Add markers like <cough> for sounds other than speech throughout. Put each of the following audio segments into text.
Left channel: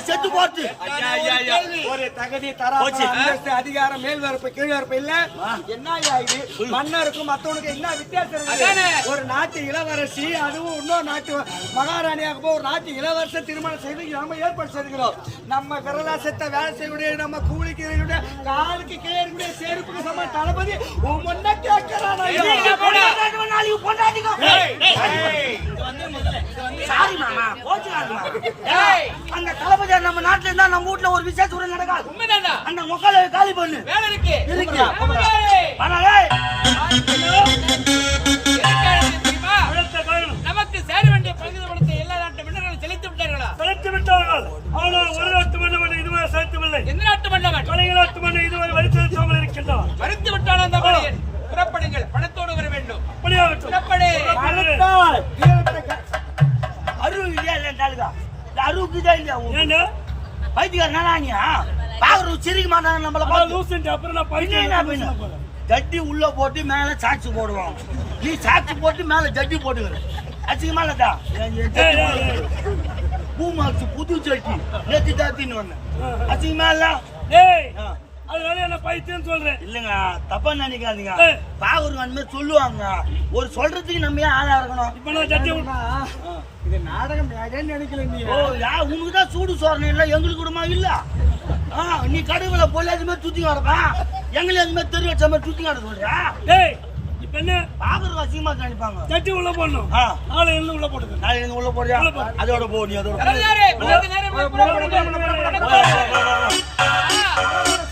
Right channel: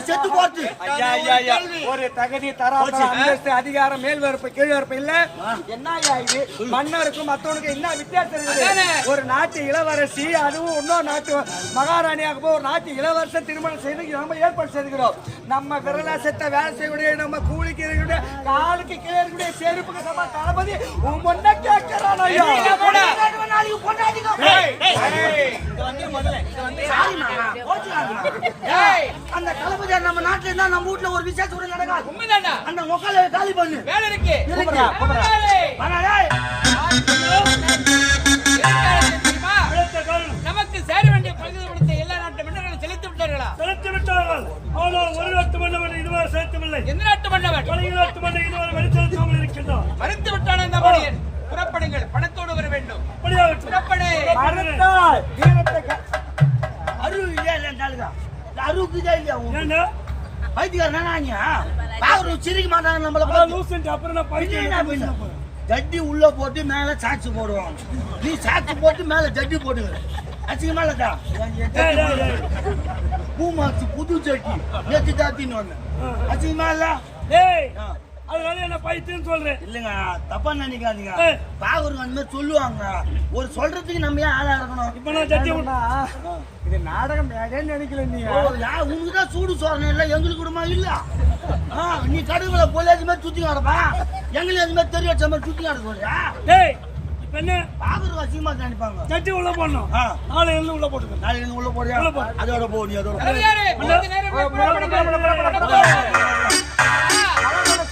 செத்து ஐயா. ஒரு தகுதி தராதரம் அந்தஸ்து அதிகாரம் மேல் வரப்பு கீழ் வரப்பு இல்ல என்ன இது மன்னருக்கும் மத்தவனுக்கும் என்ன வித்தியாசம் இருக்குது? ஒரு நாட்டு இளவரசி அதுவும் இன்னொரு நாட்டு மகாராணியாக போய் ஒரு நாட்டு இளவரசன் திருமணம் செய்து நம்ம ஏற்பாடு செய்துக்கிறோம். நம்ம விரலாசத்தை வேலை செய்யக்கூடிய நம்ம கூலிக்கு இருக்கக்கூடிய காலுக்கு கீழே இருக்கக்கூடிய செருப்புக்கு சம தளபதி உன் முன்ன கேட்கிறான் ஐயா. நாளைக்கு பொண்டாட்டிக்கோ? சாரி மாமா. கோச்சுக்காதீங்க அந்த தளபதி நம்ம நாட்டுல இருந்தா நம்ம வீட்ல ஒரு விசேஷம் கூட நடக்காது. உண்மைதான்டா அந்த மொக்கால காலி பண்ணு. வேலை இருக்கு. இருக்கு. நமக்கு சேர வேண்டிய பகுதி பணத்தை எல்லா நாட்டு மன்னர்களும் செலுத்தி விட்டார்களா? செலுத்தி விட்டார்கள். ஆனால் ஒரு நாட்டு மன்னவன் இதுவரை செலுத்தவில்லை. எந்த நாட்டு மன்னவன்? கலைஞ நாட்டு மன்னன் இதுவரை வழி செலுத்தாமல் இருக்கின்றான். மறுத்து விட்டான் அந்த மணியன் புறப்படுங்கள். பணத்தோடு வர வேண்டும். அப்படியாகட்டும். புறப்படு. மறுத்தால் வீரத்தை க- அருவு இல்லையா ஏண்டா பைத்தியக்கார நானியா பாக்குறது சிரிக்க மாட்டாங்க நம்மள பார்த்து. லூசன்ட் அப்புறம் நான் பைத்தியம்? போறேன் ஜட்டி உள்ள போட்டு மேல சாக்ஸ் போடுவாங்க நீ சாக்ஸ் போட்டு மேல ஜட்டி போட்டுக்கிற. அசிங்கமா ஏய். பூமாச்சு புது ஜட்டி. நேற்று ஜாத்தின்னு வந்தேன். அசிங்கமா இல்ல? ஏய். அதனால என்ன பைத்தியம் சொல்றேன். இல்லங்க தப்பா நினைக்காதீங்க. பாக்குறவங்க அந்த மாதிரி சொல்லுவாங்க. ஒரு சொல்றதுக்கு நம்ம ஏன் ஆளா இருக்கணும்? இப்ப நான் ஜட்டி இது நாடகம் நினைக்கல நீ. ஓ யா உனக்கு தான் சூடு சோறணும் இல்ல எங்களுக்கு கூடமா இல்ல? ஆ நீ கடுகுல போல அது மாதிரி சுத்தி கிடப்பா எங்களுக்கு அந்த மாதிரி தெரிய வச்ச மாதிரி சுத்தி கிடக்க சொல்றியா? ஏய் இப்ப என்ன? பாக்குறவங்க அசிங்கமா நினைப்பாங்க. ஜட்டி உள்ள போடணும். ஆ. நாளை எழுந்து உள்ள போட்டுக்க நாளைக்கு நீங்க உள்ள போறேன். அதோட போ நீ அதோட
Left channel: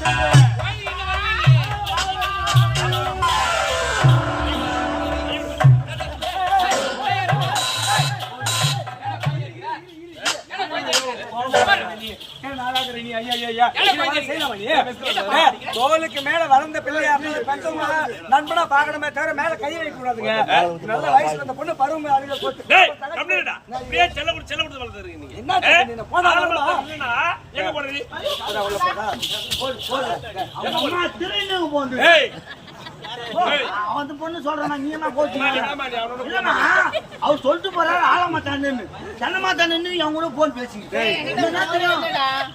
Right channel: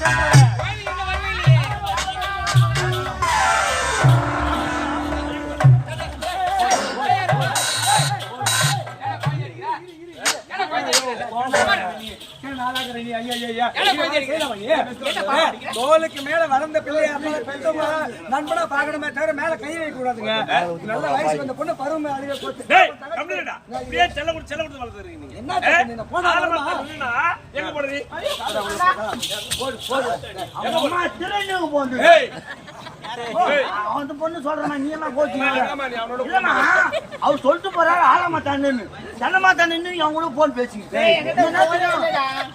போ. தோலுக்கு மேல வளர்ந்த பிள்ளையா இருந்தா பெத்தவங்க நண்பனா பாக்கணுமே தவிர மேல கை வைக்க கூடாதுங்க. நல்ல வயசு வந்த பொண்ணு பருவம் என்ன தப்பு அவன் அந்த பொண்ணு சொல்றான் நீ என்ன கோச்சு ஆமா நீ அவனோட இல்லம்மா அவர் சொல்லிட்டு போறாரு ஆள மாட்டான்னு செல்ல மாட்டான்னு அவன் கூட போன் பேசிக்கிட்டு.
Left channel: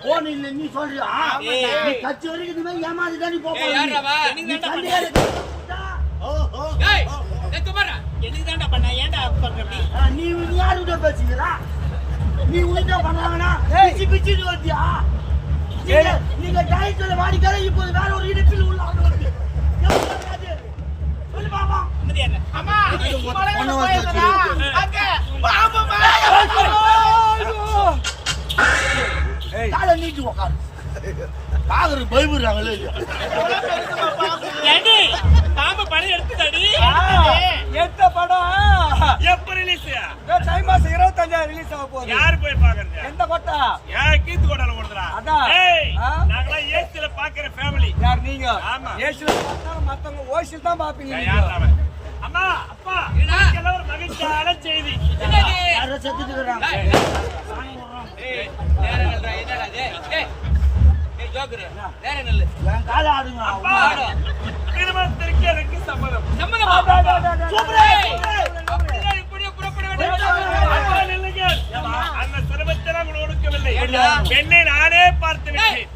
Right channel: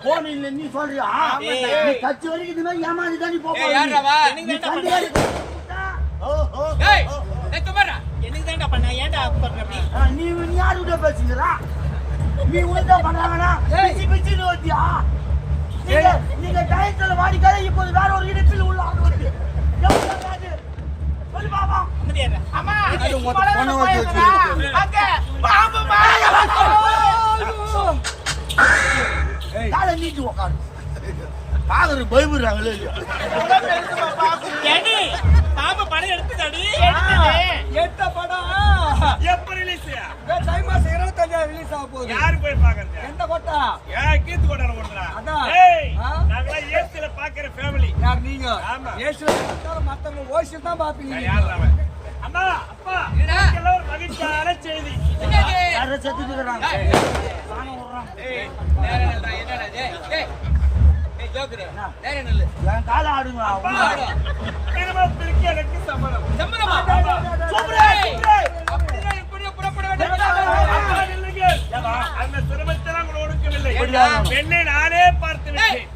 போன் இல்ல நீ சொல்றியா? நீ கட்சி வரைக்கும் இது மாதிரி ஏமாதி தான் நீ குமாரா, எனக்கு தான்டா பண்ண? ஏன்டா பண்ற அப்படி? ஆ, நீ நீ யாருக்கிட்ட பேசுகிறா நீ உனக்கா பண்ணாங்கன்னா பிச்சு பிச்சுன்னு வச்சியா நீங்க டயத்துல வாடிக்காத இப்போது வேற ஒரு இடுப்பில் உள்ள நீட்டி உக்காரு பாக்குறது பயப்படுறாங்களே இல்லையா? ஏண்டி பாம்பு படம் எடுத்துக்கடி எடுத்த படம் எப்ப ரிலீஸ் தை மாசம் இருபத்தஞ்சாயிரம் ரிலீஸ் ஆக போகுது. யாரு போய் பாக்குறது? எந்த கொட்டா ஏன் கீத்து கோடால ஓடுறா அதான். நாங்களாம் ஏசில பாக்குற ஃபேமிலி யார் நீங்க? ஆமா. ஏசுல பார்த்தாலும் மத்தவங்க ஓசில் தான் பாப்பீங்க யார் அவன்? அம்மா அப்பா? எல்லாம் ஒரு மகிழ்ச்சியான செய்தி. யாரோ ஏய், நேரா நில்றா, என்னடா இது? ஏய், ஏய், ஜோக்கரு, நேரா நில்லு. என் காலை ஆடுங்க அப்பா. திருமணத்திற்கு எனக்கு சம்மதம். சம்மதமா? சூப்பரா, அந்த சிரமத்தை நாங்கள் ஒடுக்கவில்லை? பெண்ணை நானே பார்த்து விட்டேன்.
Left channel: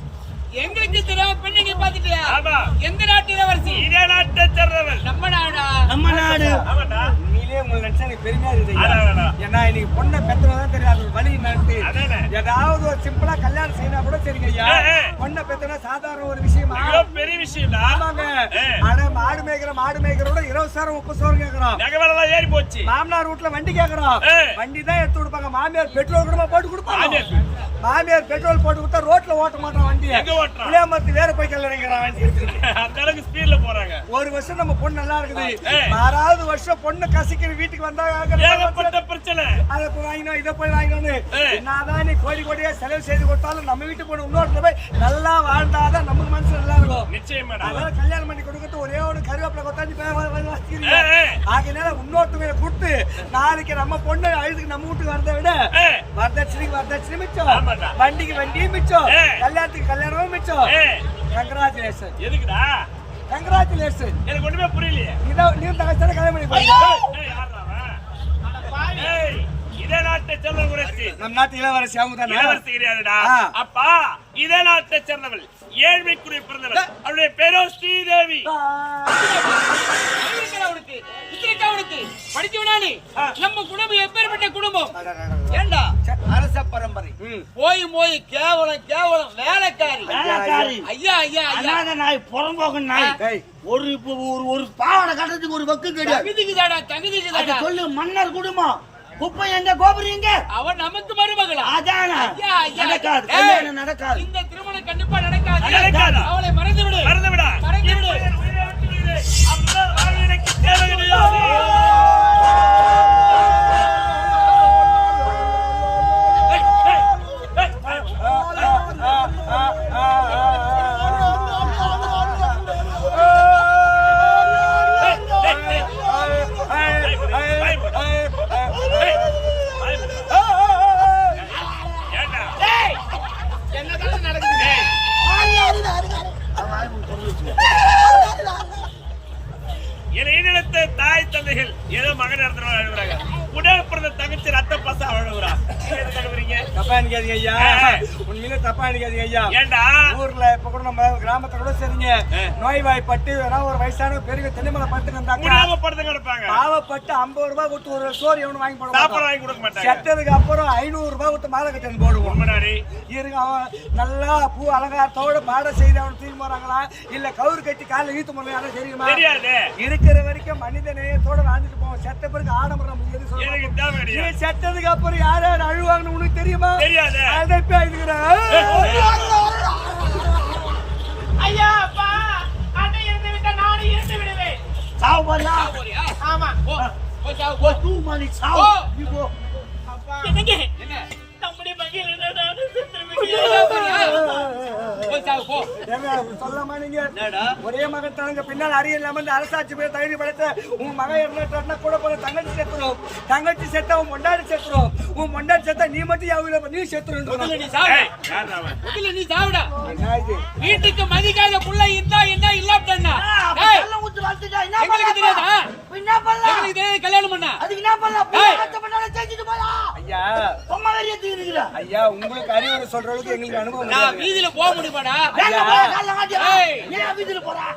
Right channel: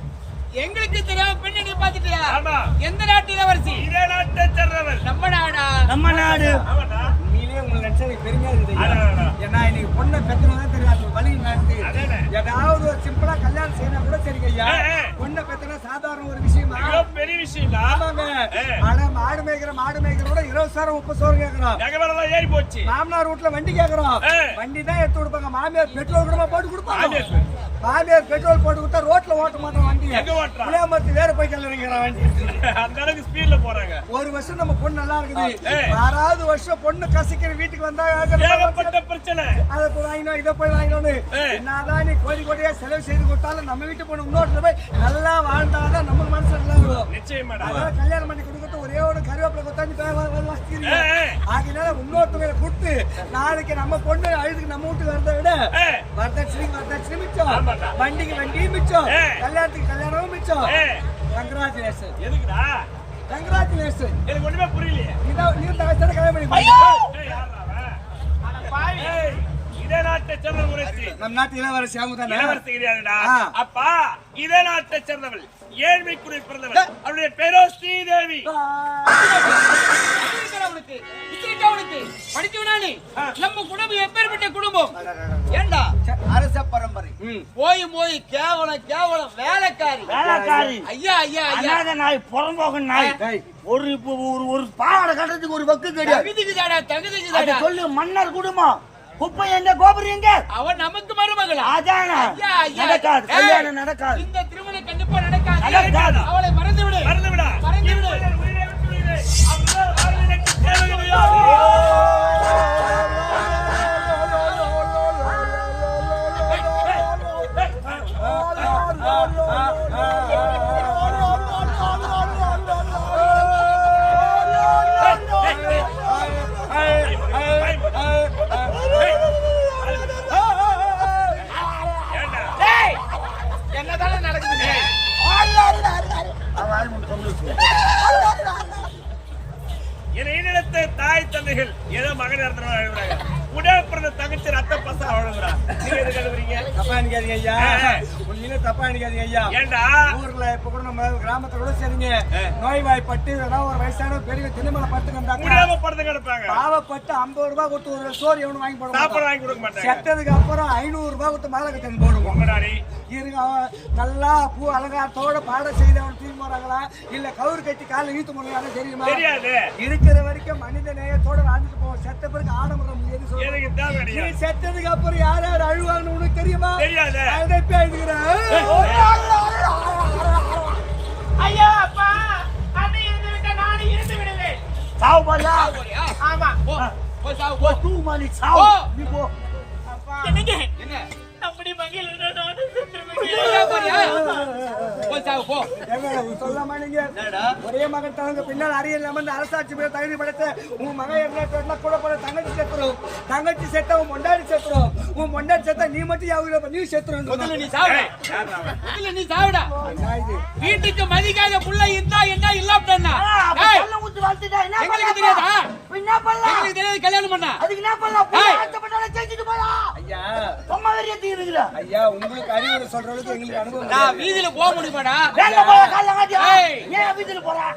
எங்களுக்கு தெரியாம பெண்ணை நீ பாத்துட்டியா ஆமா. எந்த நாட்டு இளவரசி இதே நாட்டை சேர்ந்தவள். நம்ம நாடா? நம்ம நாடு. ஆமாடா. எனக்கு பெருமையா இருக்குது அடா, ஐயா. அடா. ஏன்னா இன்னைக்கு பொண்ணை பெத்தனதான் தெரியும் ஒரு வழி. ஏதாவது ஒரு சிம்பிளா கல்யாணம் செய்யனா கூட ஐயா ஏய். பொண்ணை பெத்தனா சாதாரண ஒரு விஷயமா பெரிய ஆமாங்க ஏய். ஆனா மாடு மேய்க்கிற மாடு மேய்க்கிறோட இருபது சாரம் முப்பது நகை விலைலாம் ஏறி போச்சு மாமனார் வீட்டுல வண்டி கேக்குறோம் ஏய். வண்டி தான் எடுத்து கொடுப்பாங்க மாமியார் பெட்ரோல் கூட போட்டு கொடுப்பாங்க மாமியார் பெட்ரோல். போட்டு கொடுத்தா ரோட்ல ஓட்ட மாட்டான் வண்டி எங்க ஓட்டுறான்? புளியாமரத்து வேற போய் கல்லறைங்கிறான் வண்டி <laughs> அந்த அளவுக்கு ஸ்பீட்ல போறாங்க ஒரு வருஷம் நம்ம பொண்ணு நல்லா இருக்குது. ஆறாவது வருஷம் பொண்ணு கசிக்கிற வீட்டுக்கு வந்தா ஏகப்பட்ட பிரச்சனை. அதை போய் வாங்கினோம் இதை போய் வாங்கினோம்னு. என்னதான் நீ கோடி கோடியா செலவு செய்து கொடுத்தாலும் நம்ம வீட்டு பொண்ணு இன்னொரு போய் நல்லா வாழ்ந்தாதான் நமக்கு மனசு நல்லா இருக்கும். நிச்சயமாடா. அதனால கல்யாணம் பண்ணி கொடுக்கறது ஒரே ஒரு கருவேப்பிலை ஏய். ஆகையினால இன்னொருத்தவங்க கொடுத்து நாளைக்கு நம்ம பொண்ணு அழுதுக்கு நம்ம வீட்டுக்கு வரதை விட வரதட்சணைக்கு வரதட்சணை மிச்சம். வண்டிக்கு வண்டியும் மிச்சம். கல்யாணத்துக்கு கல்யாணமும் மிச்சம். கங்கராச்சுலேஷன் எதுக்குடா? கங்கராச்சுலேஷன் எனக்கு ஒண்ணுமே புரியலையே. நீதான் நீ தகச்சத கல்யாணம் பண்ணி ஏய், பாருங்க ஏய், யார்றா அவன்? ஏய், இதே நாட்டை நாட்டை சேர்ந்த குறைச்சி நம் நாட்டு இளவரசி அவங்க இளவரசி கிடையாதுடா. அப்பா இதே நாட்டை சேர்ந்தவள். ஏழ்மை குடி பிறந்தவள் அவருடைய பேரோ ஸ்ரீதேவி. இருக்கா உனக்கு? படிச்சவனா நீ? நம்ம குடும்பம் எப்பேற்பட்ட குடும்பம்? ஏண்டா? அரச பரம்பரை. போய் போய் கேவலம் கேவலம் வேலைக்காரி. வேலைக்காரி. ஐயா ஐயா ஐயா. நாய் புறம்போக்கு நாய். டேய், ஒரு ஒரு ஒரு பாவாடை கட்டுறதுக்கு ஒரு வக்கு கிடையாது தகுதிக்குதாடா அதை தகுதிக்குதாடா சொல்லு மன்னர் குடும்பம். குப்பை எங்க கோபுரம் எங்க? அவன் நமக்கு மருமகளா? அதான. நடக்காது கல்யாணம் நடக்காது. இந்த திருமணம் கண்டிப்பா நடக்காது. நடக்காதா? அவளை மறந்து விடு மறந்து விடா மறந்து விடு. இப்பொழுது என் உயிரை ஏதோ மகன் இறந்துருவா அழுகுறாங்க. உடல் பிறந்த தங்கச்சி ரத்த பசா அழுகுறா. நீங்க எதுக்கு அழுகுறீங்க? தப்பா நினைக்காதீங்க ஐயா. உண்மையிலே தப்பா நினைக்காதீங்க ஐயா. ஏண்டா? ஊர்ல இப்ப கூட நம்ம கிராமத்துல கூட சரிங்க. நோய்வாய்ப்பட்டு வேணா ஒரு வயசான பெரிய தென்னைமலை பட்டு முடியாம படுத்து கிடப்பாங்க. பாவப்பட்டு ஐம்பது ரூபாய் கொடுத்து ஒரு சோறு எவனும் வாங்கி போட சாப்பாடு. வாங்கி கொடுக்க மாட்டாங்க. செத்ததுக்கு அப்புறம் ஐநூறு ரூபாய் கொடுத்து மாலை கட்டணும் போடுவோம். இருங்க நல்லா பூ அலங்காரத்தோட பாட செய்து அவன் தூக்கி போறாங்களா? இல்ல கவுரு கட்டி காலைல போறாங்க யாரும் தெரியுமா? தெரியாது. இருக்கிற வரைக்கும் மனித நேயத்தோட வாழ்ந்துட்டு போவோம். செத்த பிறகு ஆடம்பரம் எது சொல்லுவாங்க செத்ததுக்கு அப்புறம் யார் யார் அழுவாங்கன்னு உனக்கு தெரியுமா? தெரியாது. அதை எழுதுகிறேன் ஐயா அப்பா. அண்ணன் இருந்து விட்டா நானும் இருந்து விடுவேன். சாவு போறியா? ஆமா. போ போய் சாவு போ. தூ மாதிரி சாவு. போ. நீ போ. என்னங்க? என்ன? நம்முடைய போய்? போய் ஒரே மகன் தனக்கு பின்னால் அறிய இல்லாம இந்த அரசாட்சி பேர் தகுதி படைத்த உங்க மகன் என்ன கூட போல தங்கச்சி செத்துரும் தங்கச்சி செத்தா உன் மொண்டாடி செத்துரும் உன் மொண்டாடி செத்தா நீ மட்டும் யாவும் நீ செத்துரும் முதல்ல நீ சாவுடா. நீ? வீட்டுக்கு மதிக்காத புள்ள இருந்தா என்ன என்ன எங்களுக்கு தெரியாதா? அப்ப என்ன பண்ணலாம். எங்களுக்கு தெரியாது கல்யாணம் பண்ணா. அதுக்கு என்ன பண்ணலாம்? செஞ்சுட்டு போயா? ஐயா. தீர்ந்துக்கிற ஐயா உங்களுக்கு அறிவுரை சொல்ற அளவுக்கு எங்களுக்கு அனுபவம் நான். வீதியில போக முடியுமாடா? வேலை போறா, காலைல மாட்டியா? ஏய். ஏன் வீட்டுக்கு போறா?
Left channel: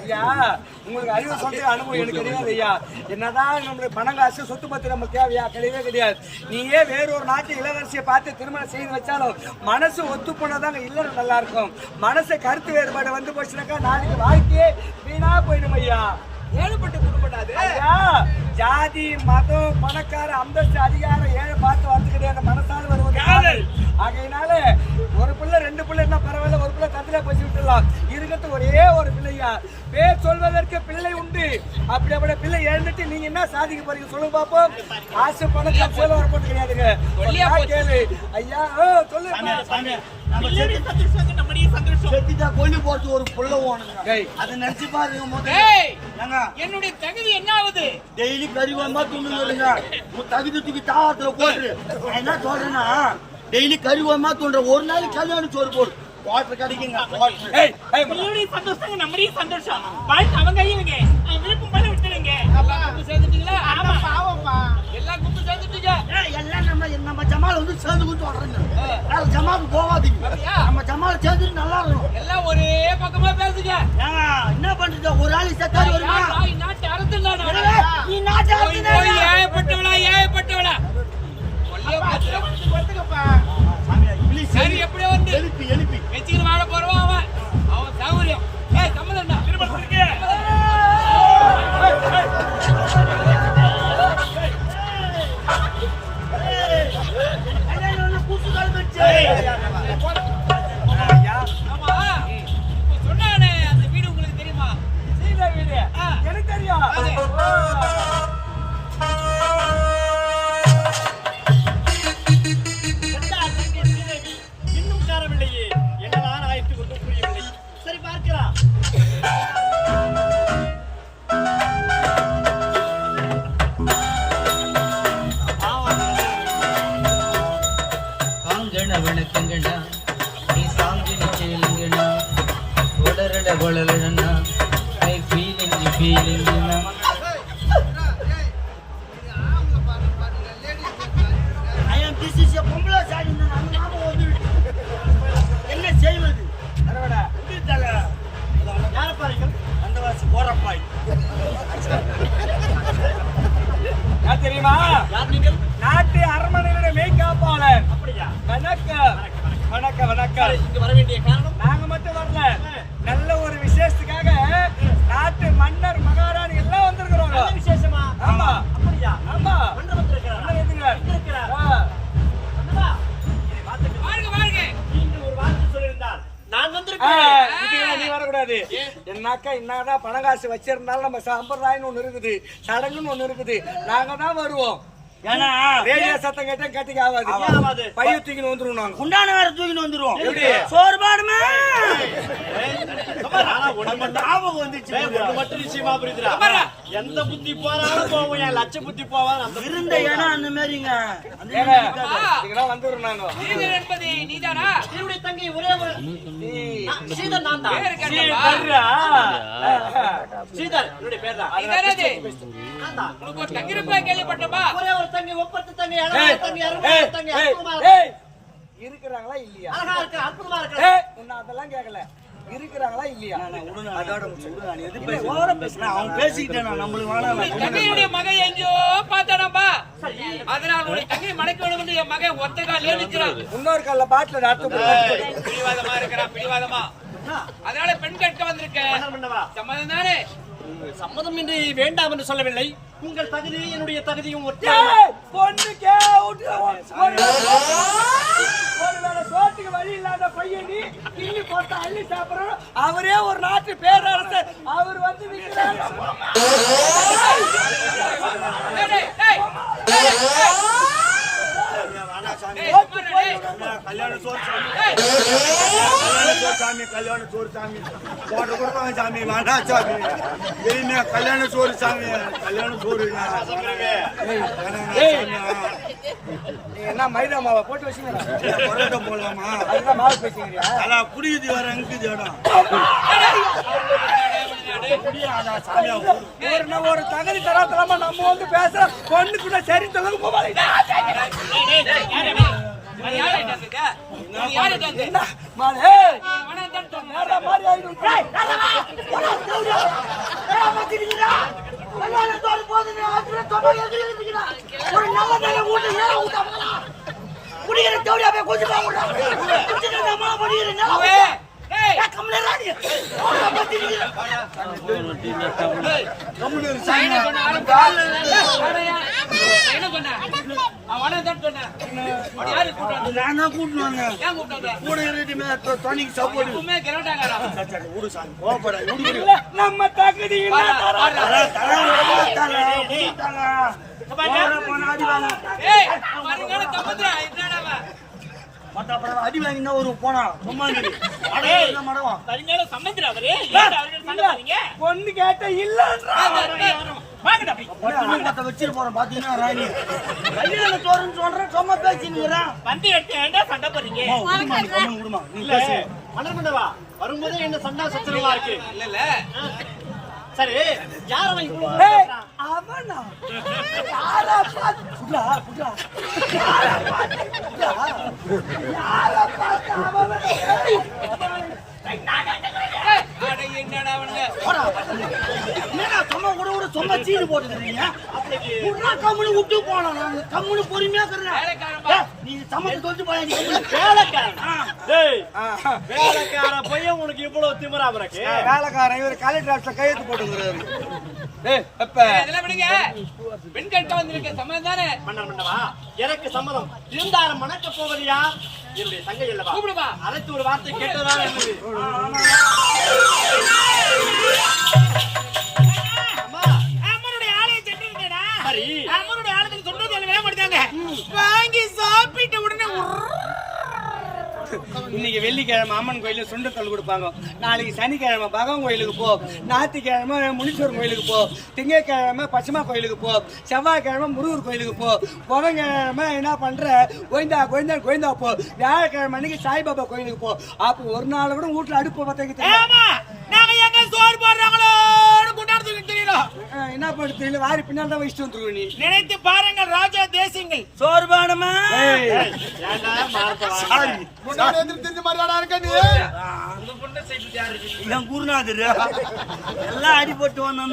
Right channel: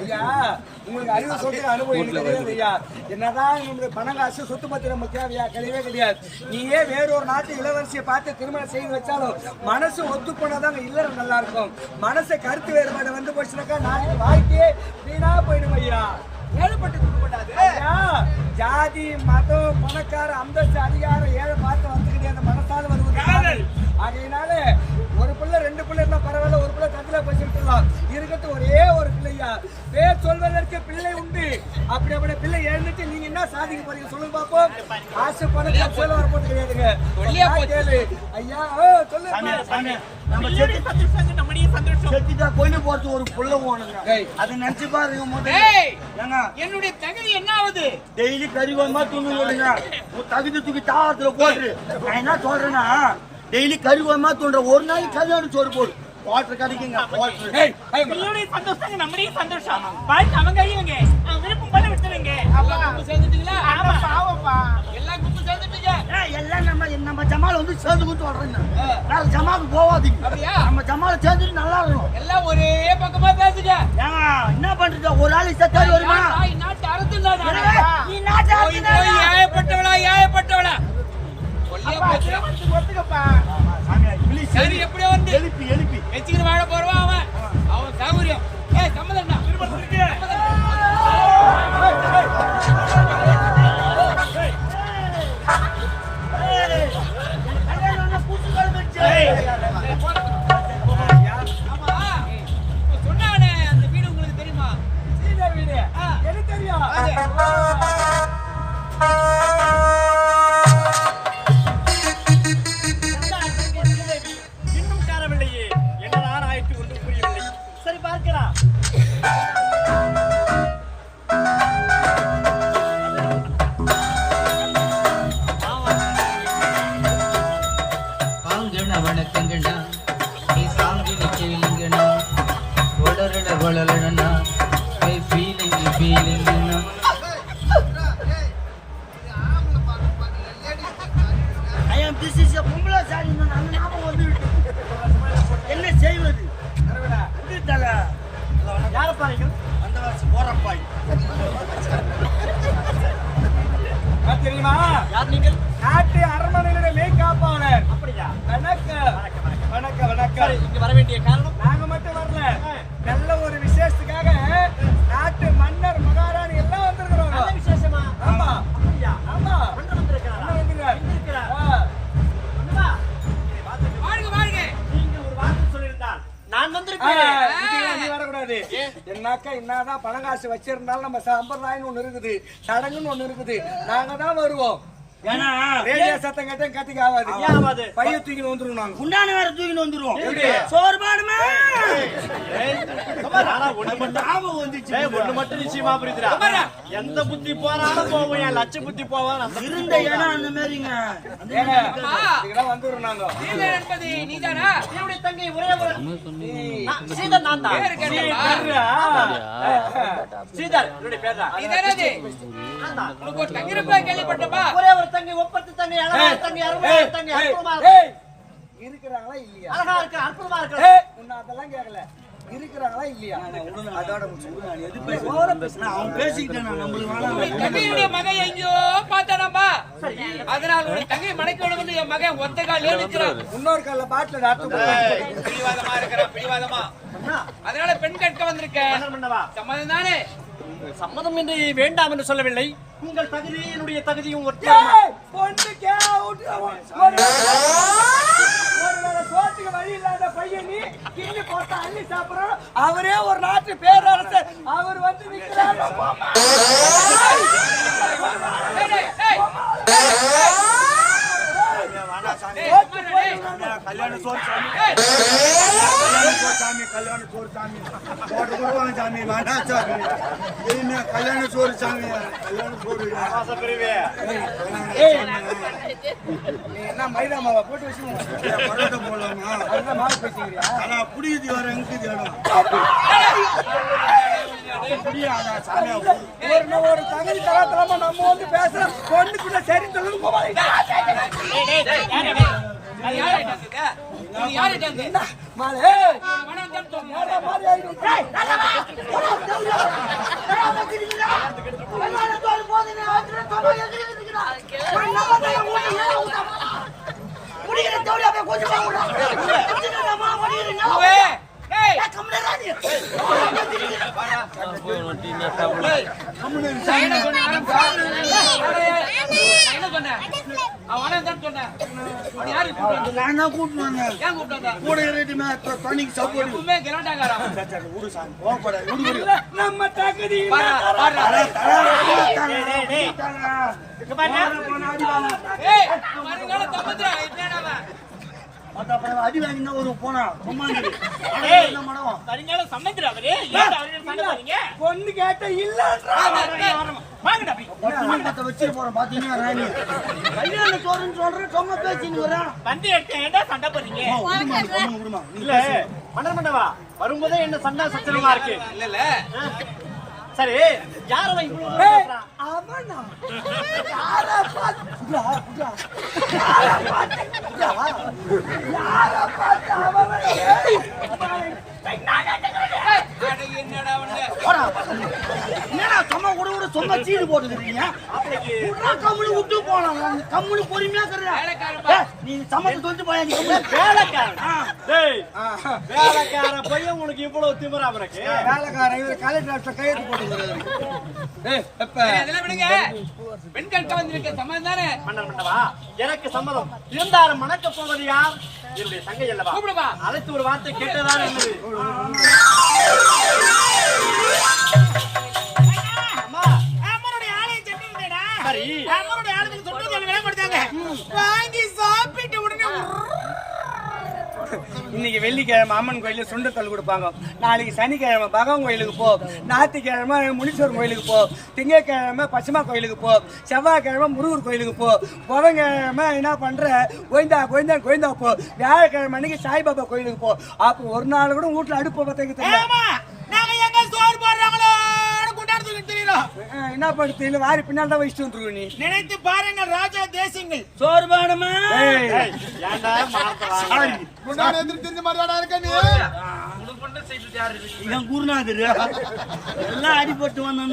ஐயா உங்களுக்கு அறிவு சொல்ற அனுபவம் எனக்கு கிடையாது ஐயா. என்னதான் நம்மளுடைய பணம் காசு சொத்து பத்தி நமக்கு தேவையா? கிடையவே கிடையாது. நீயே வேறொரு நாட்டு இளவரசியை பார்த்து திருமணம் செய்து வச்சாலும் மனசு ஒத்து போனாதாங்க இல்லறம் நல்லா இருக்கும். மனசு கருத்து வேறுபாடு வந்து போச்சுனாக்கா நாளைக்கு வாழ்க்கையே வீணா போயிடும் ஐயா. ஏழுப்பட்டு ஐயா, ஜாதி மதம் பணக்கார அந்தஸ்து அதிகாரம் ஏழை பார்த்து வந்து கிடையாது மனசால வருவது. ஆகையினால ஒரு பிள்ளை ரெண்டு பிள்ளை என்ன பரவாயில்ல ஒரு பிள்ளை தந்தில போச்சு விட்டுலாம் இருக்கிறது ஒரே ஒரு பிள்ளையா பேர் சொல்வதற்கு பிள்ளை உண்டு. அப்படி அப்படி பிள்ளை எழுந்துட்டு நீங்க என்ன சாதிக்க போறீங்க சொல்லுங்க பாப்போம். ஆசை பணம் கட்சியில வர போட்டு கிடையாதுங்க. கேளு. ஐயா ஓ, சொல்லு சாமி, நம்ம செத்து- செத்துட்டா கொல்லு போறது ஒரு புள்ள ஓணுங்க. அதை நினைச்சு பாருங்க முதல்ல. என்னுடைய தகுதி என்ன ஆகுது டெய்லி கறிவமா துண்ணு விடுங்க உன் தகுதி தூக்கி தாவத்துல போட்டு நான் என்ன சொல்றேன்னா டெய்லி கறிவமா தூண்டுற ஒரு நாளைக்கு கல்யாணம் சோறு போடு. வாட்டர் கிடைக்குங்க வாட்டர். ஏய், ஏய், உங்களுடைய சந்தோஷம் சந்தோஷம். வாழ்க்கை அவங்க கையிலங்க அவன் விருப்பம் விட்டுருங்க. கும்பு சேர்ந்துட்டீங்களா? ஆமா. பாவம்ப்பா எல்லாம் கும்பு சேர்ந்துட்டீங்க. எல்லாம் நம்ம நம்ம ஜமால் வந்து சேர்ந்து சொல்றேன் நான் ஜமாலுக்கு போவாதீங்க. அப்படியா? நம்ம ஜமால் சேர்ந்துட்டு நல்லா இருக்கணும். எல்லாம் ஒரே பக்கமா பேசுங்க. ஏங்க என்ன பண்றது ஒரு ஆள் செத்தாரு வருமா? நாட்டு எனவே நீ நாட்டு போய் போய் ஏயப்பட்டவளா ஏயப்பட்டவளா எப்படியோ வந்து எழுப்பி எழுப்பி. வச்சுக்கிட்டு வாழ போறவன் அவன். அவன் சௌகரியம். ஏய் சம்மதம்டா திருமணத்திற்கு அப்படின்னாக்கா என்னதான் பணம் காசு வச்சிருந்தாலும் நம்ம சம்பிரதாயம்னு ஒன்று இருக்குது சடங்குன்னு ஒன்று இருக்குது. நாங்கள் தான் வருவோம். ஏன்னா ரேடியோ சத்தம் கேட்டா கட்டிக்கு ஆகாது ஏன் ஆகாது? பைய தூக்கின்னு வந்துருவோம் நாங்க. குண்டான வேற தூக்கிட்டு வந்துரும் எப்படி? சோறு பாடுமே ஏய், சுமார், ஆனா ஒண்ணு மட்டும் ஞாபகம் வந்துச்சு ஏய், ஒண்ணு மட்டும் நிச்சயமா புரியுதுடா. சுமாரா. எந்த புத்தி போனாலும் போவோம். என் லட்ச புத்தி போவான்? அந்த புத்தி இருந்த இடம் அந்த மாதிரிங்க. அந்த ஏங்க ஆமா. இதுக்கெல்லாம் வந்துடுறோம் நாங்க. ஸ்ரீதர் என்பது நீதானா? என்னுடைய தங்கை ஒரே ஒரு ஏய். நான் ஸ்ரீதர் நான் தான். பேரு கேட்டப்பா. ஸ்ரீதரா? ஸ்ரீதர் என்னுடைய பேர் தான் நீதானா அது? நான் தான். உனக்கு ஒரு தங்கி இருப்பா கேள்விப்பட்டப்பா. ஒரே ஒரு தங்கை ஒப்பத்து தங்கை அழகான தங்கை அருமையான தங்கை அற்புதமா. இருக்கிறாங்களா இல்லையா? அழகா இருக்கு அற்புதமா இருக்கு. உன்னை அதெல்லாம் கேட்கல இருக்கிறாங்களா இல்லையா? அதோட முடிச்சு. நான் எது பேச. ஓவரா பேசினா அவன் பேசிக்கிட்டேன் நான் நம்மளுக்கு உன்னுடைய வேணாம் தங்கையுடைய மகன் எங்கேயோ பார்த்தானாப்பா? அதனால் உன்னுடைய தங்கையை மடக்க வேண்டும் என்று என் மகன் ஒத்த கால் நிற்கிறான் இன்னொரு கால பாட்டில் அர்த்தம் பிடிவாதமா இருக்கிறான் பிடிவாதமா. அதனால பெண் வந்திருக்கேன். சம்மதம் தானே? சம்மதம் என்று வேண்டாம் என்று சொல்லவில்லை. உங்கள் தகுதி என்னுடைய தகுதியும் பொண்ணுக்கே விட்டு ஒரு ஒரு வேளை சோத்துக்கு வழி இல்லாத பையன் கிள்ளி போட்டா அள்ளி சாப்பிடுறோம் அவரே ஒரு நாட்டு பேரரசர் அவர் வந்து நிக்கிறார் கல்யாண சோறு சாமி கல்யாண சோறு சாமி கல்யாண சோறு சாமி போட்டு கொடுப்பாங்க சாமி வேண்டாம் சாமி தெரியுமே கல்யாண சோறு சாமி கல்யாண சோறு என்ன மைதா மாவை போட்டு வச்சுக்கிறா ஏன் பரோட்டா போடலாமா அதுதான் மாவு பேசுங்கிறியா அதான் எங்குது இடம் ஒரு தகுதி தராத்தரமா நம்ம வந்து பேசுற பொண்ணு கூட சரி சொல்லுங்க குடிக்கிற தேவையா போய் கொஞ்சம் நான் தான் வந்தேன்? கூட இருட்டுமே சப்போர்ட் சாமி. நம்ம தகுதி அடி வாங்கினா ஒரு போனா சும்மா மடம் சரிங்களா சம்மந்திர அவரு? ஏன் அவர்கள் சண்டை போறீங்க பொண்ணு கேட்ட இல்லன்றா. வாங்கடா அப்படி. பத்து போறோம் பாத்தீங்கன்னா ராணி? கல்யாண சோறுன்னு சொல்றேன் சும்மா பேசினுங்கிறான் வந்து எடுத்து சண்டை போறீங்க விடுமா நீ கம்முனு விடுமா நீ இல்ல. பேசு. மன்னர் வரும்போதே என்ன சண்டை சச்சரவா இருக்கு? இல்ல, இல்ல. சரி யார் பேசுறான்? அவனா? யாரா பார்த்து புடா யாரா பார்த்து புடா யாரா பார்த்து அவன் என்னடா அவனுங்க? போடா என்னடா சும்மா கூட கூட சும்மா சீடு போட்டுக்கிறீங்க விட்றா கம்முனு விட்டு போனோம் கம்முனு பொறுமையா. நீ சொல்லிட்டு போயா கம்முனு. வேலைக்காரன். பையன் உனக்கு இவ்வளவு திமிரா உனக்கு வேலைக்காரன் இவர் கலெக்டர் ஆஃபீஸ்ல கையெழுத்து போட்டுங்கிறாரு ஏய் அப்ப ஏய், அதெல்லாம் விடுங்க. பெண் கேட்க வந்திருக்க சம்மதம் தானே? மன்னர் மன்னவா எனக்கு சம்மதம். இருந்தாலும் மணக்க போவது யார்? என்னுடைய தங்கை அல்லவா. அழைத்து ஒரு வார்த்தை கேட்டதான் என்னது? வெள்ளிக்கிழமை அம்மன் கோயிலில் சுண்டத்தல் கொடுப்பாங்க. நாளைக்கு சனிக்கிழமை பகவான் கோயிலுக்கு போ. ஞாயிற்றுக்கிழமை முனீஸ்வரன் கோயிலுக்கு போ. திங்கக்கிழமை பசுமா கோயிலுக்கு போ. செவ்வாய்க்கிழமை முருகர் கோயிலுக்கு போ. புதன்கிழமை என்ன பண்ற? கோயந்தா கோயந்தா கோயந்தா போ. வியாழக்கிழமை அன்னைக்கு சாய்பாபா கோயிலுக்கு போ. அப்போ ஒரு நாள் கூட வீட்டில் அடுப்பு பத்த ஏமா நாங்க சோறு போடுறாங்களோ? என்ன இல்லை வாரி பின்னால் தான் வச்சுட்டு வந்துருவோம் நீ. நினைத்து பாருங்கள் ராஜா தேசியங்கள். சோறு வேணுமா ஏய், ஏய், ஏன்டா மானத்தை வாங்குற? குருநாதர். எல்லாம் அடிபட்டு வந்தான்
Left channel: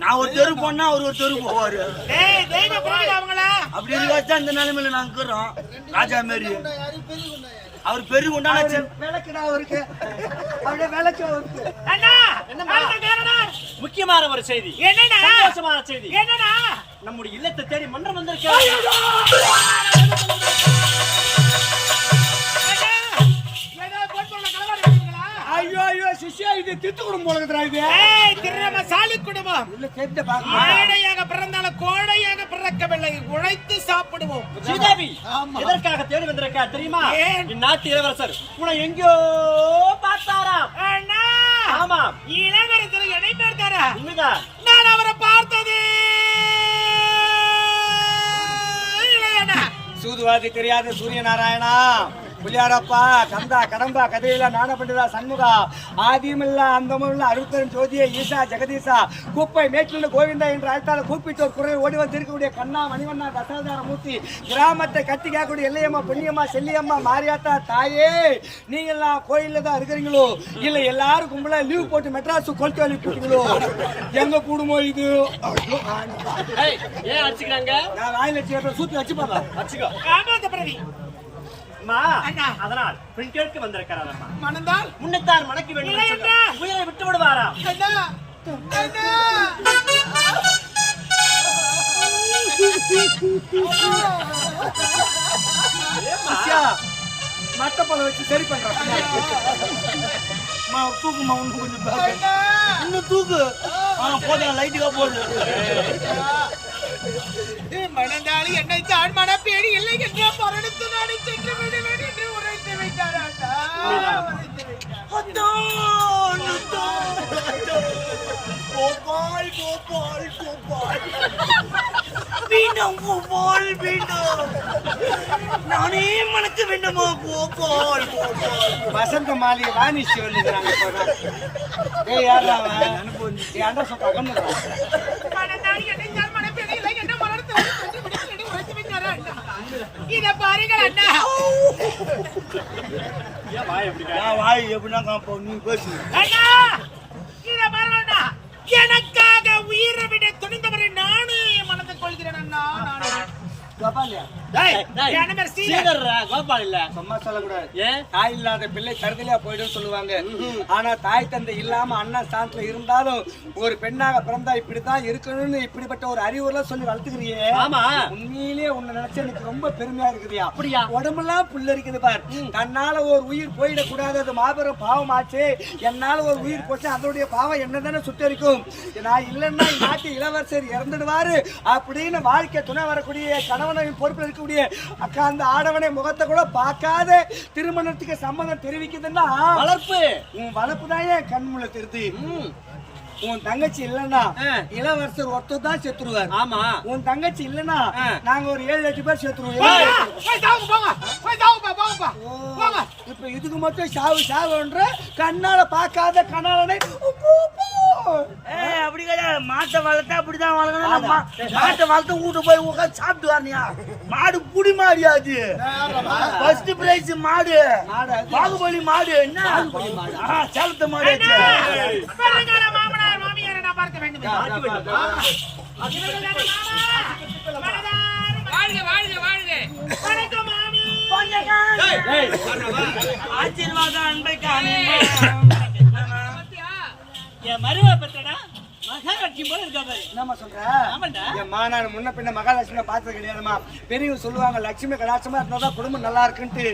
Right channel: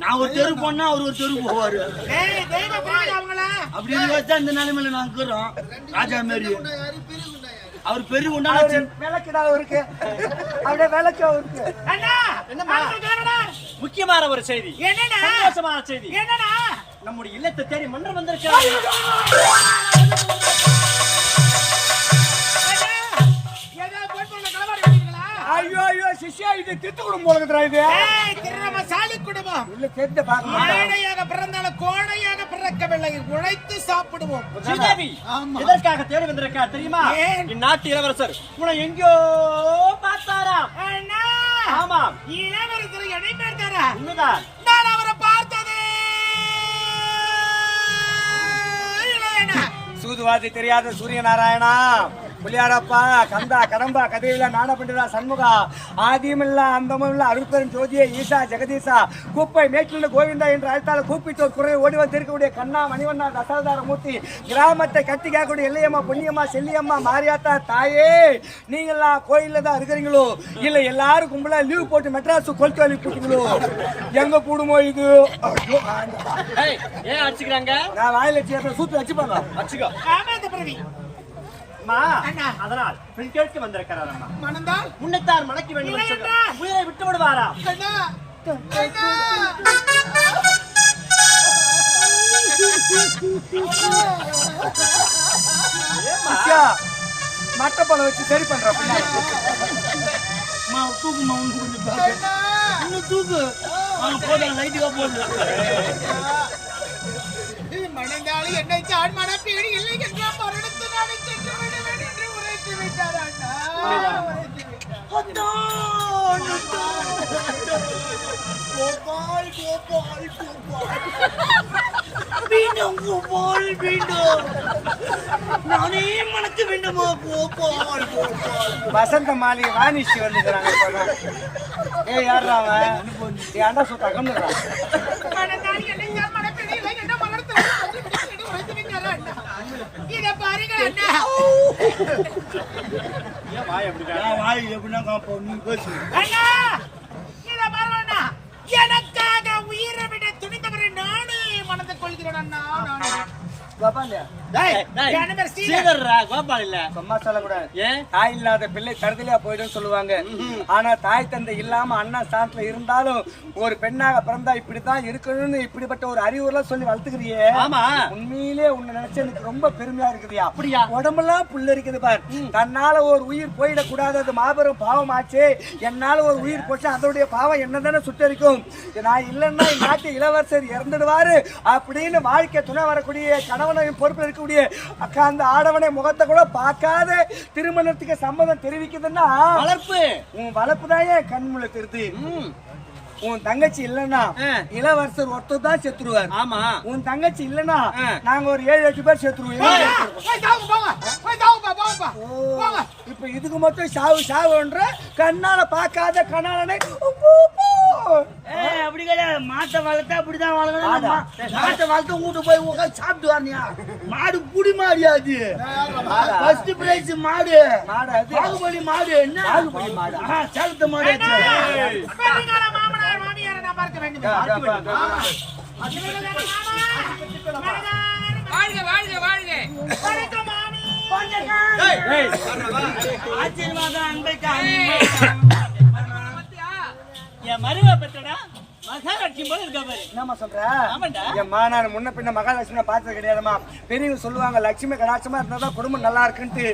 நான் ஒரு தெரு போனா அவர் ஒரு தெரு போவாரு. அப்படி இருந்தா இந்த நிலைமையில நாங்க இருக்கிறோம் ராஜா மாரி. அவர் பெரிய விளக்குடா அவருக்கு. அப்படியே விளக்கு அவருக்கு. அண்ணா! முக்கியமான ஒரு செய்தி. என்னண்ணா? சந்தோஷமான செய்தி. என்னண்ணா? நம்முடைய இல்லத்தை தேடி மன்றம் வந்திருக்கிறார். ஐயோ ஐயோ சிஷ்யா இது தித்து குடும்பம் போலக்குதுடா இது. ஏய், திருநமசாலி குடும்பம். இல்ல பாக்க ஏழையாக கோழையாக பிறக்கவில்லை உழைத்து சாப்பிடுவோம். ஸ்ரீதேவி எதற்காக தேடி வந்திருக்கார் தெரியுமா? இந்நாட்டு இளவரசர். உன்னை எங்கேயோ பார்த்தாராம். அண்ணா! ஆமாம். இளவரசர் என்னை பார்த்தாரா? உண்மைதான். நான் அவரை பார்த்தது சூதுவாதி தெரியாத சூரிய நாராயணா புலியாரப்பா கந்தா கடம்பா கதையில நாண பண்டிதா சண்முகா ஆதியமில்ல அந்தமில்ல அருத்தரன் ஜோதியே ஈசா ஜெகதீசா குப்பை மேற்குள்ள கோவிந்தா என்று அழைத்தால கூப்பிட்டோர் குறை ஓடி வந்திருக்கக்கூடிய கண்ணா மணிவண்ணா தசாவதார மூர்த்தி கிராமத்தை கட்டி காக்கக்கூடிய எல்லையம்மா பொன்னியம்மா செல்லியம்மா மாரியாத்தா தாயே நீங்க எல்லாம் கோயில்ல தான் இருக்கிறீங்களோ? இல்ல எல்லாரும் கும்பலா லீவ் போட்டு மெட்ராஸ் கொளுத்து வேலைக்கு போட்டீங்களோ எங்க கூடுமோ இது? ஏன் அடிச்சுக்கிறாங்க? நான் வாயில வச்சு சூத்து வச்சுப்பாங்க. அடிச்சுக்கோ ஆமா அந்த பிரதி. அம்மா அண்ணா. அதனால் பெண் கேட்க வந்திருக்கிறார் அம்மா மணந்தால்? முன்னைத்தான் மணக்க வேண்டும். உயிரை விட்டு சிஷ்யா, மட்டப்பாலை வச்சு சரி பண்றேன் மா தூக்குமா உனக்கு கொஞ்சம். இன்னும் தூக்கு. போதும் லைட்டுக்கா போகுது மணந்தாளி என்னை தான் மணப்பேடி இல்லை என்ற மரணத்து நாடு சென்று விடுவேன் என்று உரைத்து விட்டார் அண்ணா. உரைத்து. கோபால் கோபால் கோபால். மீண்டும் கோபால் மீண்டும். நானே மணக்க வேண்டுமா கோபால் கோபால். வசந்த மாளிகை வாணிச்சு வந்துக்கிறாங்க இப்பதான். ஏய் யாரா அவன்? ஏன்டா சொக்கா கம்முறா இதை பாருங்கள் அண்ணா ஏன் வாய்? நான் வாய் எப்படின்னா காப்போம் நீ பேசு அண்ணா இதை பாருங்கள் அண்ணா எனக்காக உயிரை விட துணிந்தவரை நானே மணந்து கொள்கிறேன் அண்ணா நானே இல்லாத பிள்ளை தருதலையா போயிடும் சொல்லுவாங்க. ஆனா தாய் தந்தை இல்லாம அண்ணா ஸ்தானத்துல இருந்தாலும் ஒரு பெண்ணாக பிறந்தா இப்படித்தான் இருக்கணும்னு இப்படிப்பட்ட ஒரு அறிவுரெல்லாம் சொல்லி வளர்த்துக்கிறியே. உண்மையிலேயே உன்னை நினைச்சு எனக்கு ரொம்ப பெருமையா இருக்குதுயா. அப்படியா? உடம்பெல்லாம் புல்லு இருக்குது பார். தன்னால ஒரு உயிர் போயிடக்கூடாது. அது மாபெரும் பாவம் ஆச்சு என்னால ஒரு உயிர் போச்சு அதோடைய பாவம் என்னதானே சுட்டரிக்கும். நான் இல்லைன்னா நாட்டு இளவரசர் இறந்துடுவாரு அப்படின்னு வாழ்க்கை துணை வரக்கூடிய கணவனையும் பொறுப்பில் இருக்கக்கூடிய அக்கா அந்த ஆடவனை முகத்தை கூட பார்க்காத திருமணத்துக்கு சம்மதம் தெரிவிக்குதுன்னா வளர்ப்பு. உன் வளர்ப்பு தான் ஏன் கண்முள்ள திருத்து? ம், உன் தங்கச்சி இல்லைன்னா. இளவரசர் ஒருத்தர் தான் செத்துருவார். ஆமா. உன் தங்கச்சி இல்லைன்னா ஆ. நாங்க ஒரு ஏழு எட்டு பேர் செத்துருவோம். இப்ப இதுக்கு மட்டும் சாவு சாவுன்ற கண்ணால பார்க்காத கண்ணாலனை அப்படி கிடையாது. மாட்டை வளர்த்தா அப்படிதான் வளர்க்கணும் மாட்டை. வளர்த்து வீட்டு போய் உட்காந்து சாப்பிட்டு வரணியா மாடு புடி மாடியா அது? ஃபர்ஸ்ட் பிரைஸ் மாடு. பாகுபலி மாடு. என்ன? பாகுபலி மாடு. ஆ, சேலத்து மாடு மாமனார் மாமியாரை நான் பார்க்க வேண்டும். வாழ்க வாழ்க வாழ்க. வணக்கம் மாமி. அன்பை என் மருவ பெற்றடா மகாலட்சுமி போல இருக்கா பாரு? என்னம்மா சொல்ற? ஆமாண்டா. எம்மா நான் முன்ன பின்ன மகாலட்சுமி பார்த்தது கிடையாதும்மா பெரியவங்க சொல்லுவாங்க லட்சுமி கலாட்சமா இருந்தாதான் குடும்பம் நல்லா இருக்குன்ட்டு.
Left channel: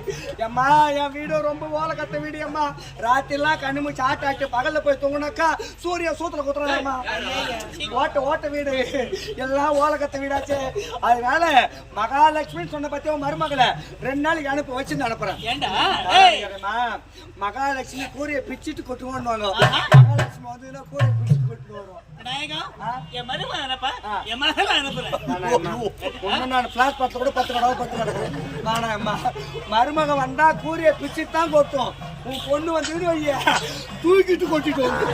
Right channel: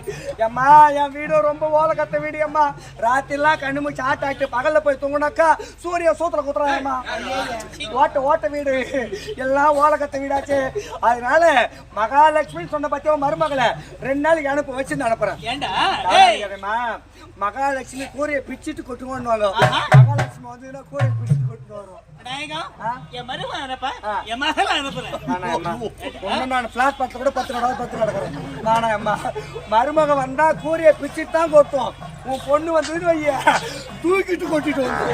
எம்மா என் வீடு ரொம்ப ஓலை கத்த வீடு அம்மா ராத்திரிலாம் கண்ணு மூச்சு ஆட்டாட்டு பகல்ல போய் தூங்குனாக்கா சூரிய சூத்துல குத்துறாங்கம்மா. ஓட்ட ஓட்ட வீடு. எல்லாம் ஓலை கத்த வீடாச்சு. அதனால மகாலட்சுமி சொன்ன பத்தியோ மருமகளை ரெண்டு நாளைக்கு அனுப்ப வச்சு அனுப்புறேன். ஏண்டா? மகாலட்சுமி கூரையை பிச்சுட்டு கொட்டுவோன்னு மகாலட்சுமி வந்து கூரையை பிச்சுட்டு கொட்டு வரும் நாயகம் ஆ? என் மருமகன் அனுப்ப. என் மகள் அனுப்புறேன். நானா பிளாட் பத்து கூட பத்து கடவுள் பத்து கிடக்குறேன் நானா அம்மா. மருமக வந்தா கூரையை பிச்சுட்டு தான் கொட்டும். உன் பொண்ணு வைய. தூக்கிட்டு கொட்டிட்டு வந்து.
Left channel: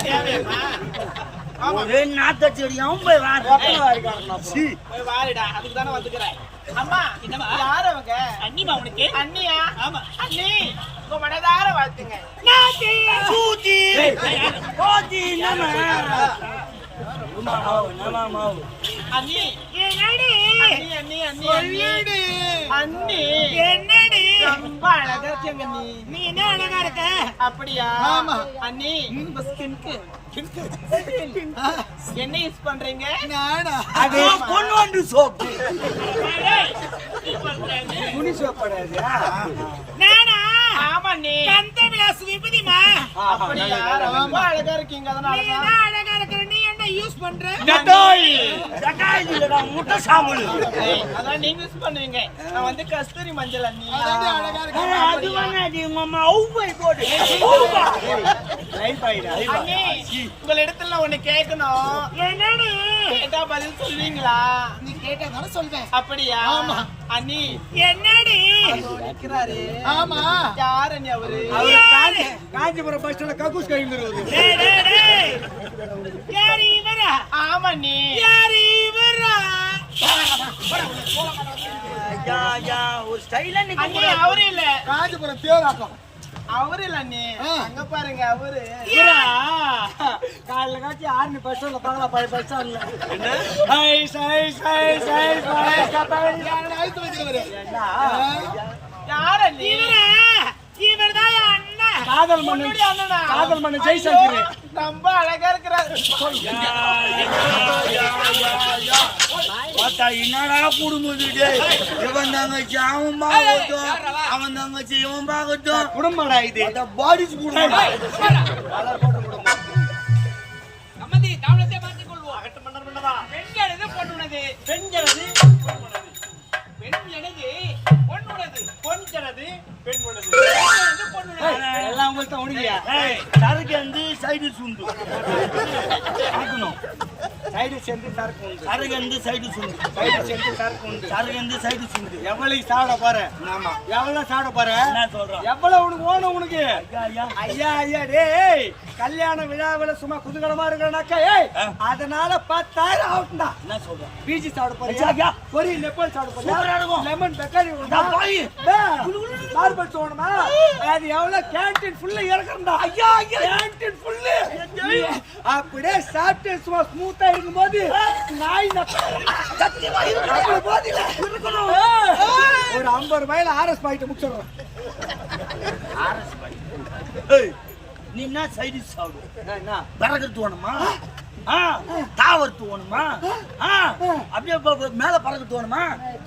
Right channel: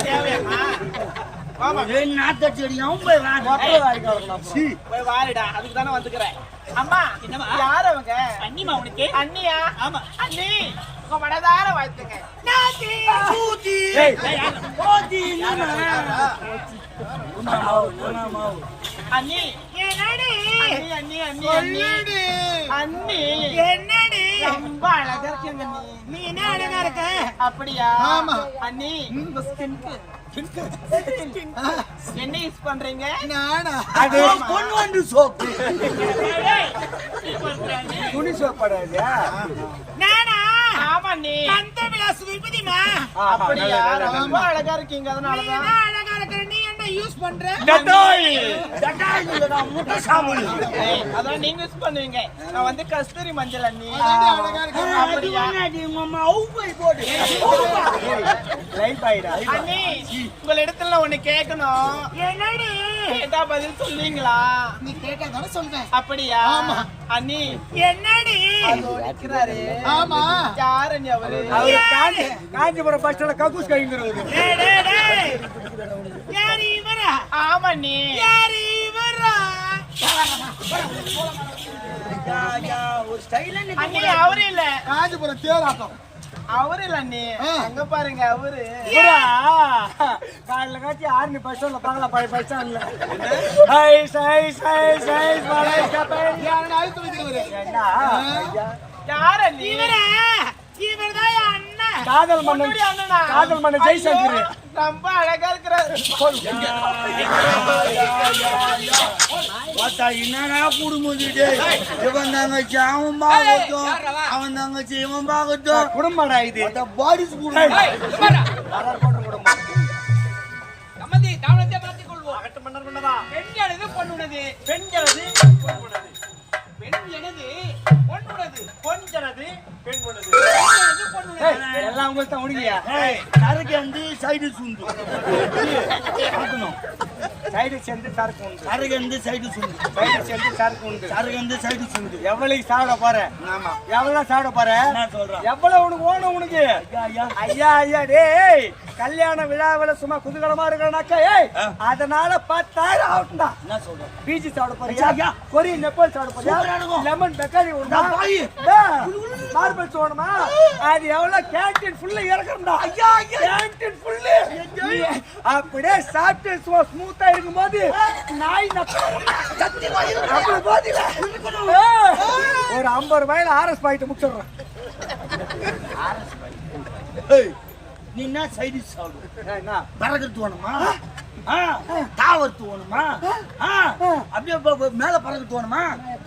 அடியும் போய். போய் வாரிடா. அதுக்கு தானே வந்துக்கிறேன். அம்மா என்னம்மா? யார் அவங்க? அண்ணிமா உனக்கு? அண்ணியா? ஆமா. அண்ணி உங்க மனதார வாழ்த்துங்க. நாத்தி போத்தி என்னடி ரொம்ப அழகா இருக்கீங்க அண்ணி. நீ என்ன அழகா இருக்க? அப்படியா? ஆமா. அண்ணி உங்க ஸ்கின்க்கு என்ன யூஸ் பண்றீங்க? நானா? அது பொண்ணு வந்து சோப்பு. துணி சோப்படாது நானா? ஆமா நீ கந்த விலாஸ் விபதிமா? அப்படியா? ரொம்ப அழகா இருக்கீங்க அதனால தான் அழகா இருக்கிற? நீ யூஸ் பண்ற டட்டாயில் இல்லடா, முட்டை சாம்பல் ஏய், அதான் நீங்க யூஸ் பண்ணுவீங்க. நான் வந்து கஸ்தூரி மஞ்சள் அண்ணி. அப்படியா? உங்க அம்மா அவுப்பை போடு. அண்ணி. உங்க இடத்துல நான் ஒண்ணு கேட்கணும். என்னடி? கேட்டா பதில் சொல்லுவீங்களா? நீ கேட்டா தானே சொல்வேன். அப்படியா? ஆமா. அண்ணி. என்னடி? நிக்கிறாரு ஆமா. யாரு அண்ணி அவரு? காஞ்சிபுரம் பஸ் ஸ்டாண்ட்ல கக்கூஸ் கைங்கிறவரு டேய், டேய், டேய். யாரு இவரா? ஆமா நீ யாரு இவரா ஒரு ஸ்டைலா அண்ணி அவரு இல்ல. காஞ்சிபுரம் தேராட்டம். அவரு இல்ல அண்ணி. எங்க பாருங்க அவரு. காலைல காட்சி ஆர்மி பஸ் ஸ்டாண்ட்ல பார்க்கலாம் பழைய பஸ் ஸ்டாண்ட்ல. ஹைஸ் ஹைஸ் ஹைஸ் பழைய கப்பல். யாரன அழுத்து என்ன? யாரு அண்ணி? இவரா இவர்தான் என் அண்ணன் காதல் மன்னன்? காதல் மன்னன் ஜெய்சங்கர் ரொம்ப அழகா இருக்கிறாரு. என்னடா இது? இவன் தங்கச்சி அவன் பார்க்கட்டும். அவன்? தங்கச்சி இவன் பார்க்கட்டும். குடும்படா இது. பாடிஸ் குடும்பம். சம்மந்தி தாமதத்தை மாற்றிக் கொள்வோம் பெண் எனது பொண்ணுனது பெண் எனது பெண் எனது பொண்ணுனது எனது பொண்ணுனது எல்லாம் உங்களுக்கு தான் உனக்கியா ஏய், சரக்கு வந்து சைடு சுண்டு பார்க்கணும். சைடு சேர்ந்து சரக்கு உண்டு. சரக்கு வந்து சைடு சுண்டு. சைடு சேர்ந்து சரக்கு உண்டு. சரக்கு வந்து சைடு சுண்டு. எவ்வளவு சாப்பிட போற? ஆமா. எவ்வளவு சாப்பிட போற? என்ன சொல்றான்? எவ்வளவு உனக்கு ஓணும் உனக்கு? ஐயா, ஐயா. டேய். கல்யாண விழாவில் சும்மா குதூகலமா இருக்கிறனாக்கா ஏய். அதனால பத்தாயிரம் ஆகும்டா என்ன சொல்றான்? பீச்சி சாப்பிட. போறியா? கொரியன் நெப்பல் சாப்பிட போறியா. லெமன் பெக்காரி நான் போய். மார்பிள் தோணுமா அது எவ்வளவு கேன்டீன் ஃபுல்லு இறக்குறா ஐயா ஐயா. கேன்டீன் ஃபுல்லு அப்படியே சாப்பிட்டு சும்மா ஸ்மூத்தா இருக்கும்போது நாய் சத்தியமா இருக்கு போதில. இருக்கணும். ஒரு ஐம்பது ரூபாயில ஆர்எஸ் பாயிட்டு முடிச்சிடுறோம். ஏய், நீ என்ன சைடு சாப்பிடு? என்ன? பறக்கிறது வேணுமா? ஆ, தாவறது வேணுமா ஆ, அப்படியே மேல பறக்கிறது வேணுமா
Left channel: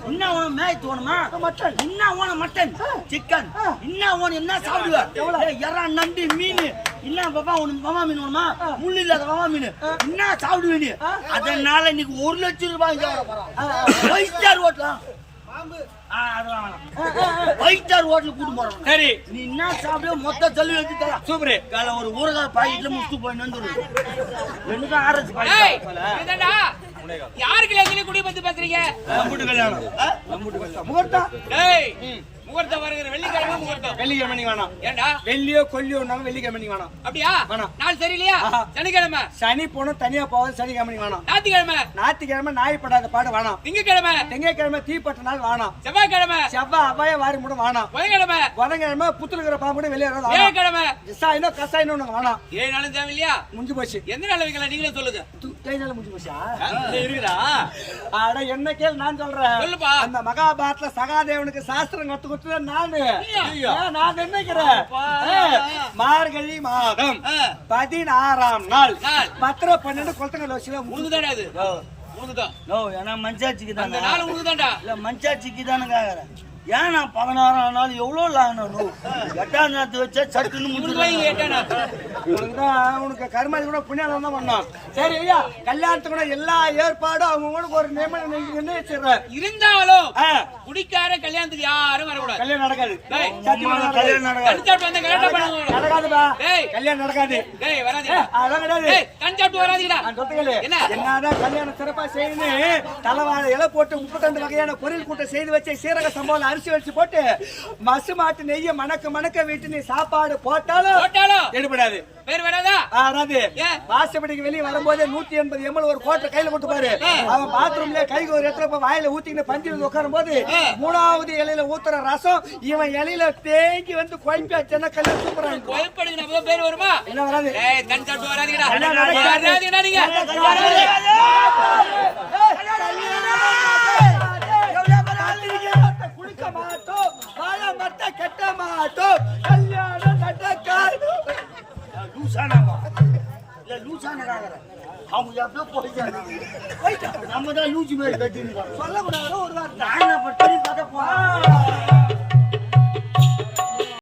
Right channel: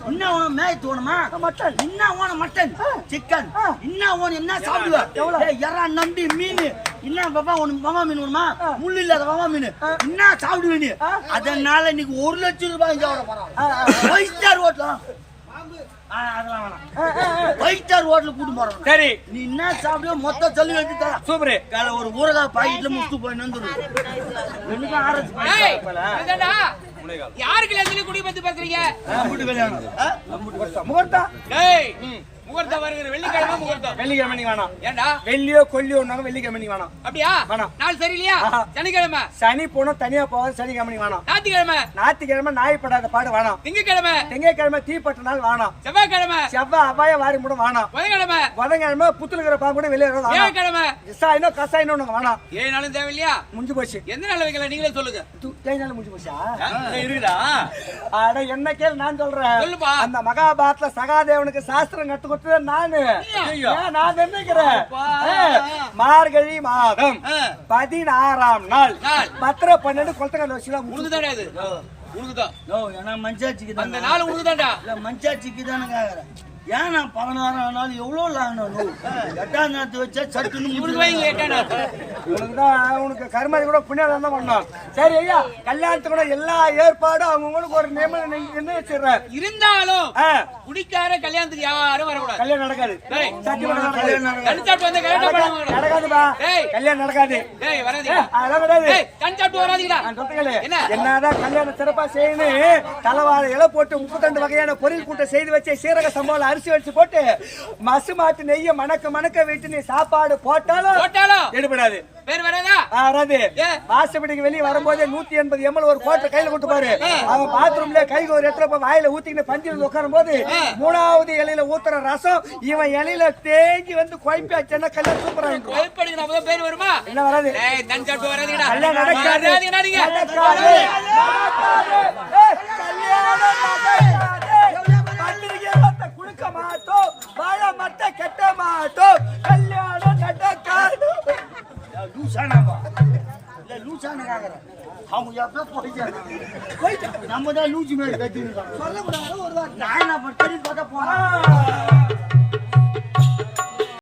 என்ன வேணும் மேய் வேணுமா மட்டன். என்ன வேணும் மட்டன். சிக்கன். என்ன வேணும் என்ன சாப்பிடுவ? ஏய், எறா நண்டு மீன். என்ன பாப்பா உனக்கு மாமா மீன் வேணுமா? முள்ளு இல்லாத மாமா மீன். என்ன சாப்பிடுவ நீ. அதனால இன்னைக்கு ஒரு லட்சம் ரூபாய் இங்க வர போறான். ஃபைவ் ஸ்டார் ஹோட்டலா ஸ்டார் ஹோட்டலுக்கு கூட்டு போறோம் சரி நீ என்ன சாப்பிடுவ மொத்த சொல்லி வச்சு தர சூப்பர் கால ஒரு ஊறுகாய் பாக்கெட்ல முட்டு போய் வந்துருது எனக்கு ஏய், இதுதான்டா. யாருக்கு எத்தனை குடி பத்தி பேசுறீங்க நம்பிட்டு கல்யாணம் ஆ? முகூர்த்தம் ஏய் முகூர்த்தம் வருகிற வெள்ளிக்கிழமை முகூர்த்தம். வெள்ளிக்கிழமை வேணாம். ஏண்டா? வெள்ளியோ கொல்லியோ நாங்க வெள்ளிக்கிழமை நீ வேணாம். அப்படியா? வேணாம். நாள் ஆஹா. சனிக்கிழமை? சனி போனோம் தனியா போவோம் சனிக்கிழமை நீ வேணாம். ஞாயிற்றுக்கிழமை? ஞாயிற்றுக்கிழமை நாய் படாத பாடு வேணாம். திங்கக்கிழமை? திங்கக்கிழமை தீப்பட்ட நாள் வேணாம். செவ்வாய்க்கிழமை? செவ்வாய் அபாய வாரி மூட வேணாம். புதன்கிழமை? புதன்கிழமை புத்துலுக்கிற பாம்பு கூட வெளியே வியாழக்கிழமை விசாயினோ கசாயினோ உனக்கு வேணாம். ஏழு நாளும் தேவையில்லையா? முடிஞ்சு போச்சு. எந்த நாள் நீங்களே சொல்லுங்க. ஏழு நாள் முடிஞ்சு போச்சா? இருக்குதா? அட என்ன கேள் நான் சொல்றேன். அந்த மகாபாரத்ல சகாதேவனுக்கு சாஸ்திரம் கத்து கொடுத்தது நானு. நான் நினைக்கிறேன் அப்பா. மார்கழி மாதம். பதினாறாம் நாள். நாள். பத்திர பன்னெண்டு கொளத்தங்கல் வச்சுலாம் உனக்கு தானே அது? உனக்கு தான் நோ ஏன்னா மஞ்சாச்சிக்கு அந்த தானே நாள் உனக்கு தான்டா இல்ல மஞ்சாச்சிக்கு தானே கேக்குறேன் ஏன் நான் பதினாறாம் நாள் எவ்வளவு லாங்கணும் எட்டாம் நேரத்து வச்சா சட்டுன்னு இவனுக்கு எட்டானா உனக்கு தான் உனக்கு கருமாதி கூட புண்ணியம் தான் பண்ணோம் சரி ஐயா கல்யாணத்துக்கு கூட எல்லா ஏற்பாடும் அவங்களுக்கு ஒரு நியமனம் நிர்ணயிச்சிடுறேன் இருந்தாலும் ஆ, குடிக்கார கல்யாணத்துக்கு யாரும் வரக்கூடாது. கல்யாணம் நடக்காது. கல்யாணம் நடக்காது. கல்யாணம் நடக்காதுப்பா. நடக்காது. அதெல்லாம் கிடையாது. கண் சாப்பிட்டு? என்னதான் கல்யாணம் சிறப்பா செய்யணும் தலைவாழை இலை போட்டு முப்பத்தி ரெண்டு வகையான பொரியல் கூட்டம் செய்து வச்சு சீரக சம்பவம் அரிசி வச்சு போட்டு மசு மாட்டு நெய்ய மணக்க மணக்க விட்டு நீ சாப்பாடு போட்டாலும் போட்டாலும் எடுபடாது. பேர் வராதா? வராது. ஏன்? வாசப்படிக்கு வெளியே வரும்போதே நூத்தி எண்பது எம்எல் ஒரு கோட்டை கையில கொண்டு பாரு. அவன் பாத்ரூம்ல கை ஒரு போய் வாயில ஊத்திக்கிட்டு பஞ்சில் உட்காரும் போது மூணாவது இலையில ஊத்துற ரசம் இவன் இலையில தேங்கி வந்து குழம்பி வச்சேன்னா கல்யாணம் சூப்பரா இருக்கும். கோயப்படிக்கு நம்ம பேர் வருமா? என்ன வராது. வராதீங்கடா. கொடுக்க மாட்டோம். வாழ மத்த கெட்ட மாட்டோம். கல்யாணம் நடக்காது. லூசானாப்பா இல்ல லூசானுக்காக அவங்க எப்போ போயிட்டாங்க? நம்ம தான் லூசி மாதிரி கட்டின்னு சொல்லக்கூடாது ஒரு வார்த்தை. நான் பண்ணி பார்க்க போறேன்.